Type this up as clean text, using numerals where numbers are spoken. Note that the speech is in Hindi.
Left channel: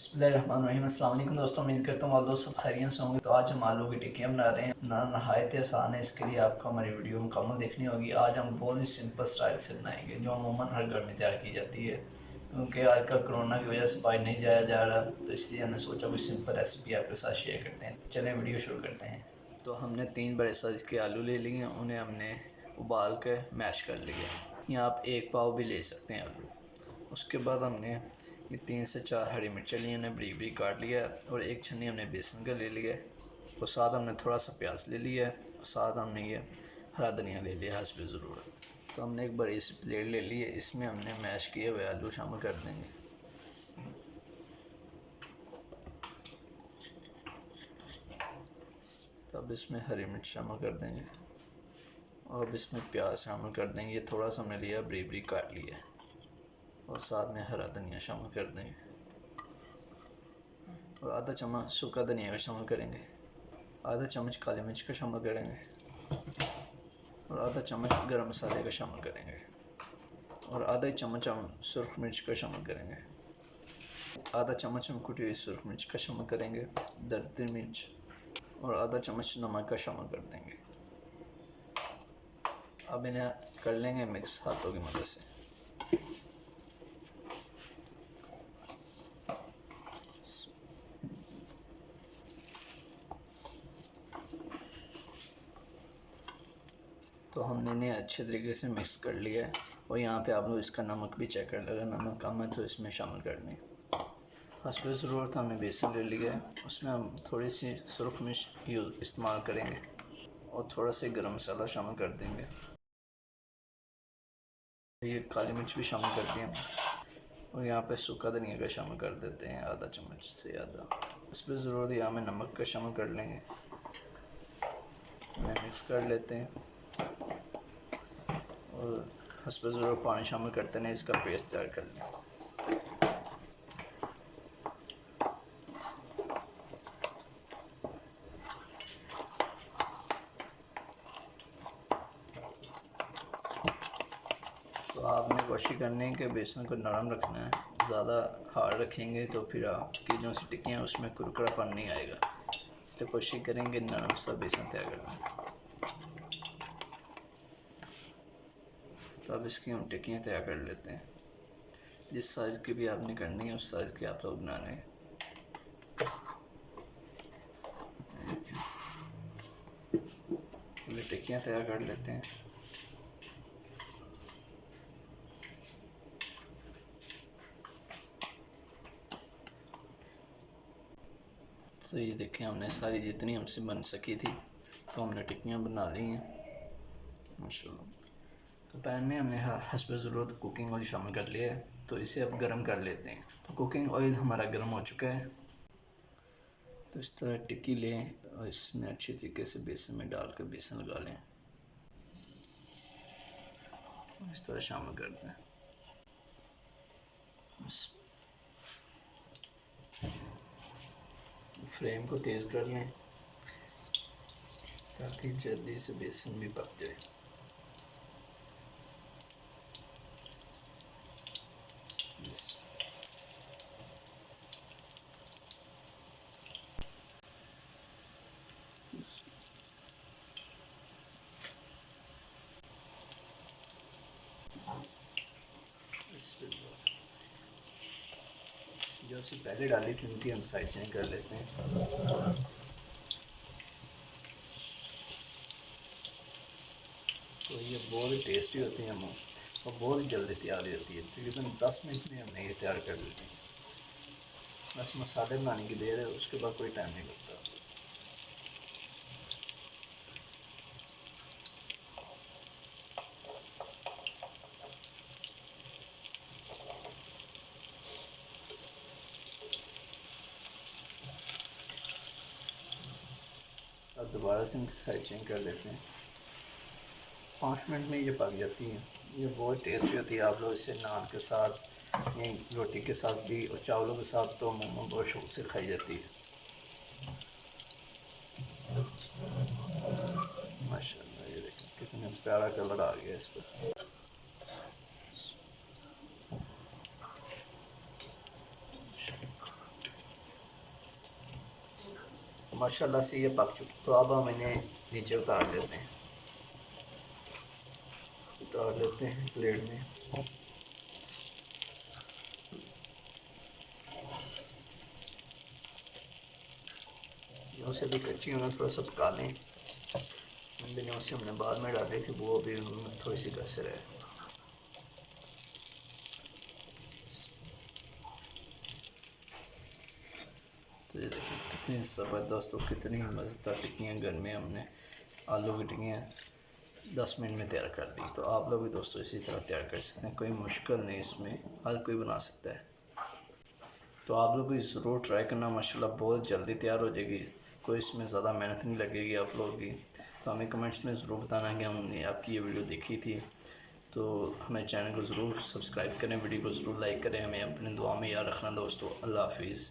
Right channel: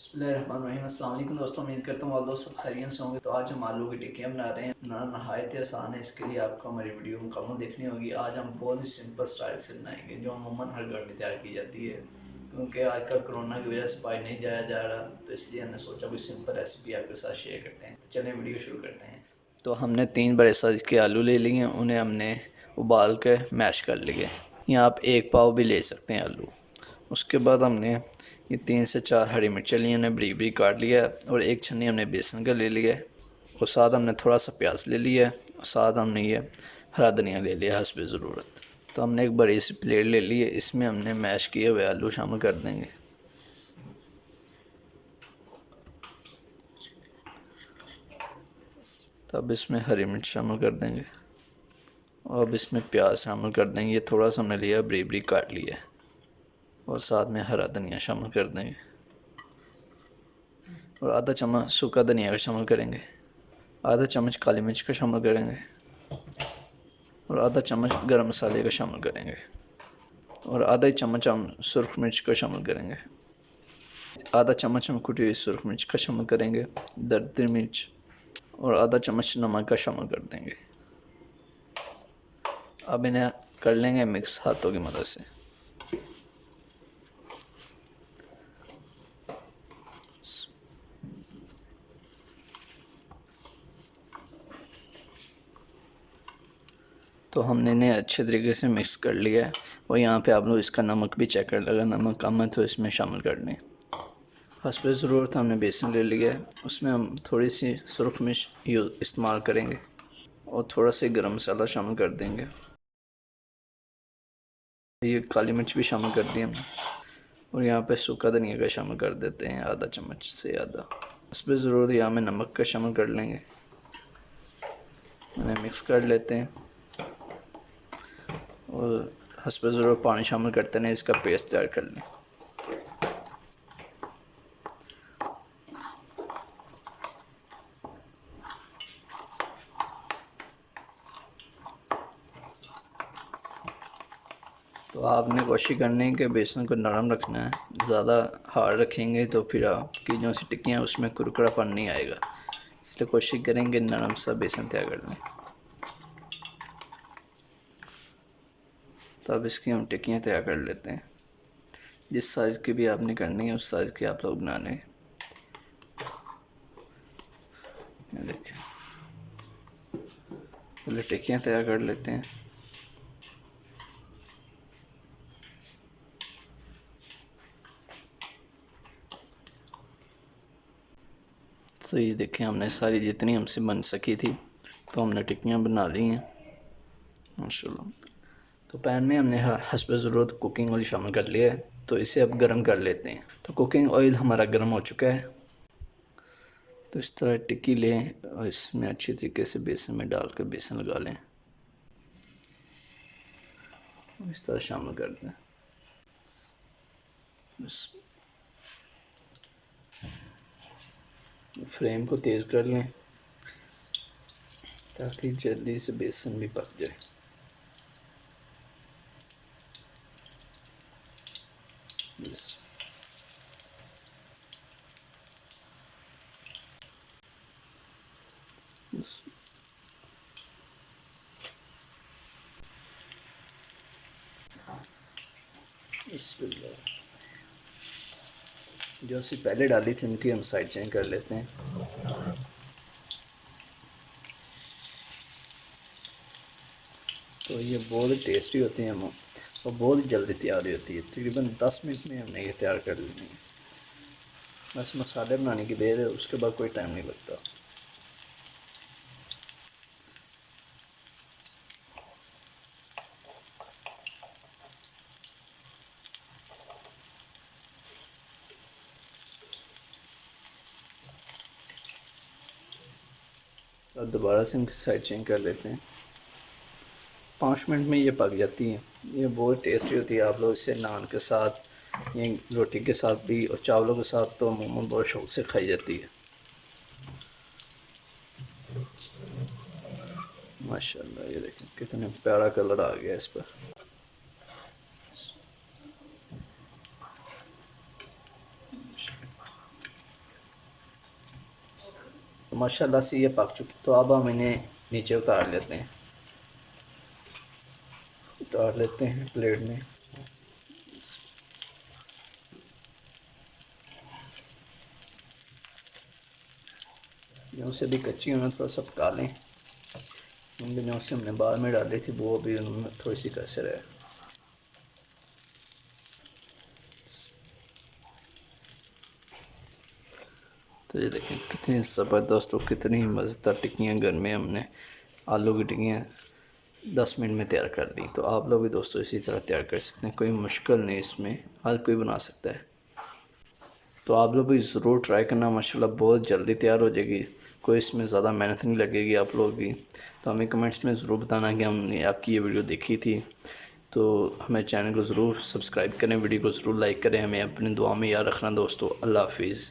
बिस्मिल्लाहिर्रहमानिर्रहीम। अस्सलाम वालेकुम दोस्तों, उम्मीद करता हूँ आप दोस्त सब खैरियत से होंगे। तो आज हम आलू की टिक्कियाँ बना रहे हैं। बनाना नहायत आसान है। इसके लिए आपको हमारी वीडियो मुकम्मल देखनी होगी। आज हम बहुत ही सिंपल स्टाइल से बनाएंगे जो अमूमन हर घर में तैयार की जाती है, क्योंकि आजकल कोरोना की वजह से बाहर नहीं जाया जा रहा, तो इसलिए हमने सोचा कोई सिंपल रेसिपी आपके साथ शेयर करते हैं। तो चलें वीडियो शुरू करते हैं। तो हमने 3 बड़े साइज़ के आलू ले लिए, उन्हें हमने उबाल के मैश कर लिए। या आप 1 पाव भी ले सकते हैं आलू। उसके बाद हमने ये 3 से 4 हरी मिर्चें ली, उन्हें बरीक बरीक काट लिया और 1 छन्नी हमने बेसन का ले लिया और साथ हमने थोड़ा सा प्याज ले लिया और साथ हमने ये हरा धनिया ले लिया हस्ब ज़रूरत। तो हमने एक बड़ी सी प्लेट ले ली है, इसमें हमने मैश किए हुए आलू शामिल कर देंगे। तो अब इसमें हरी मिर्च शामिल कर देंगे और अब इसमें प्याज शामिल कर देंगे। ये थोड़ा सा हमने लिया बरीक बरीक काट लिया और साथ में हरा धनिया शामिल कर देंगे और आधा चम्मच सूखा धनिया का शामिल करेंगे। आधा चम्मच काली मिर्च का शामिल करेंगे और आधा चम्मच गरम मसाले का शामिल करेंगे और आधा ही चम्मच हम सुरख मिर्च का शामिल करेंगे। आधा चम्मच हम कुटी हुई सुरख मिर्च का शामिल करेंगे, दरदरी मिर्च और आधा चम्मच नमक का शामिल कर देंगे। अब इन्हें कर लेंगे मिक्स हाथों की मदद से। तो हमने इन्हें अच्छे तरीके से मिक्स कर लिया है और यहाँ पे आप लोग इसका नमक भी चेक कर लेगा, नमक कम है तो इसमें शामिल कर लें। हस्ब ज़रूरत हमने बेसन ले लिया है, उसमें हम थोड़ी सी सुरख मिर्च इस्तेमाल करेंगे और थोड़ा सा गरम मसाला शामिल कर देंगे। ये काली मिर्च भी शामिल कर दी हमने और यहाँ पे सूखा धनिया का शामिल कर देते हैं आधा चम्मच से आधा। हस्ब ज़रूरत यहाँ में नमक का शामिल कर लेंगे, उन्हें मिक्स कर लेते हैं और हस्ब ज़रूरत पानी शामिल करते हैं, इसका पेस्ट तैयार कर लें। तो आपने कोशिश करनी है कि बेसन को नरम रखना है, ज़्यादा हार्ड रखेंगे तो फिर आपकी जो सी टिक्कियाँ उसमें कुरकुरापन नहीं आएगा, इसलिए कोशिश करेंगे नरम सा बेसन तैयार कर लें। तो अब इसकी हम टिक्कियाँ तैयार कर लेते हैं। जिस साइज़ की भी आपने करनी है उस साइज़ की आप लोग बनाने। देखिए पहले टिक्कियाँ तैयार कर लेते हैं। तो ये देखें हमने सारी जितनी हमसे बन सकी थी तो हमने टिक्कियाँ बना ली हैं माशाल्लाह। तो पैन में हमने हस्ब ज़रूरत कुकिंग ऑयल शामिल कर लिया है, तो इसे अब गर्म कर लेते हैं। तो कुकिंग ऑयल हमारा गर्म हो चुका है। तो इस तरह टिक्की लें और इसमें अच्छी तरीके से बेसन में डाल कर बेसन लगा लें, इस तरह शामिल कर दें। बस फ्लेम को तेज़ कर लें ताकि जल्दी से बेसन भी पक जाए। बस जो सी पहले डाली थी उनकी हम साइड चेंज कर लेते हैं। तो ये बहुत टेस्टी होती हैं और बहुत जल्दी तैयार होती है। तकरीबन 10 मिनट में हमने ये तैयार कर लेनी है। बस मसाले बनाने की देर है, उसके बाद कोई टाइम नहीं लगता। अब दोबारा से इनकी साइड चेंज कर लेते हैं। 5 मिनट में ये पक जाती हैं। ये बहुत टेस्टी होती है। आप लोग इसे नान के साथ, ये रोटी के साथ भी और चावलों के साथ तो अमूमन बहुत शौक से खाई जाती है। माशाल्लाह ये देखें कितना प्यारा कलर आ गया इस पर। माशाल्लाह से ये पक चुकी। तो अब हम इन्हें नीचे उतार लेते हैं प्लेट में। जो से भी कच्ची उन्हें थोड़ा सा पका लें। इन दिनों से हमने बाद में डाली थी वो भी उनमें थोड़ी सी कसर है। तो ये देखें कितनी ज़बरदस्त और कितनी मज़ेदार टिक्कियाँ घर में हमने आलू की टिक्कियाँ 10 मिनट में तैयार कर दी। तो आप लोग भी दोस्तों इसी तरह तैयार कर सकते हैं, कोई मुश्किल नहीं इसमें, हर कोई बना सकता है। तो आप लोग भी ज़रूर ट्राई करना, माशाल्लाह बहुत जल्दी तैयार हो जाएगी, कोई इसमें ज़्यादा मेहनत नहीं लगेगी आप लोग की। तो हमें कमेंट्स में ज़रूर बताना कि हमने आपकी ये वीडियो देखी थी। तो हमें चैनल को ज़रूर सब्सक्राइब करें, वीडियो को ज़रूर लाइक करें, हमें अपनी दुआ में याद रखना दोस्तों। अल्लाह हाफिज़।